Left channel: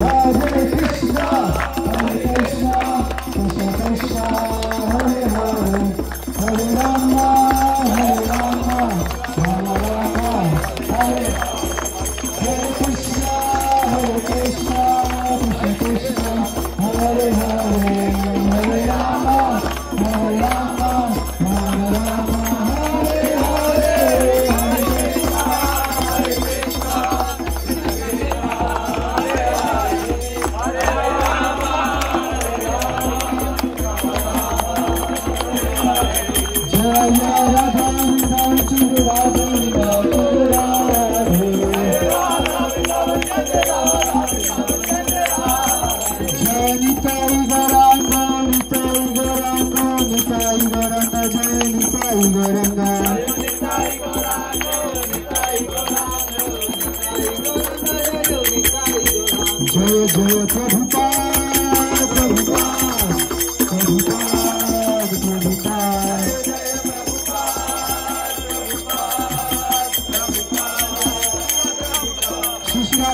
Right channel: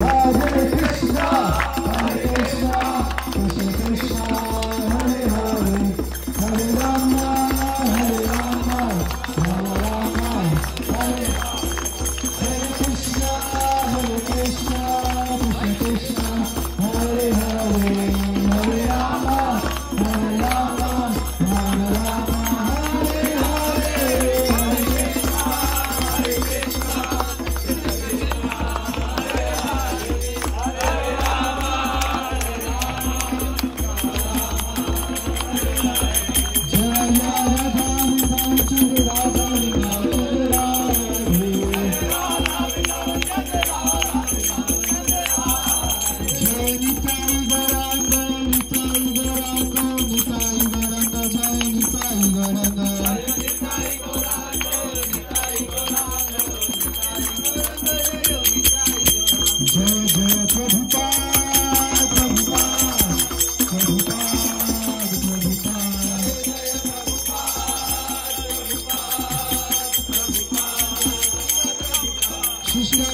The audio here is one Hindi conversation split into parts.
Hare Krishna, Krishna Krishna, Hare Hare, Hare Rama, Rama Rama, Hare Hare Krishna, Krishna Krishna, Hare Hare, Hare Rama, Rama Rama, Hare Hare, Hare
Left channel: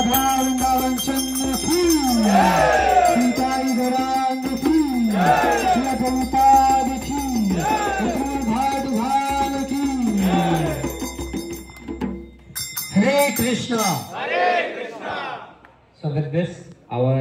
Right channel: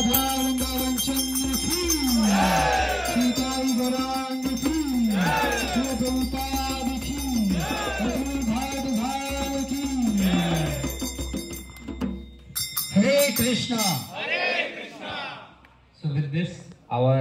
Vrindavan चंद्र की सीताई गौरांग की प्रभुपाद की भाट भाल की Hare Krishna. So with this, our